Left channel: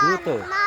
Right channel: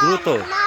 Duto.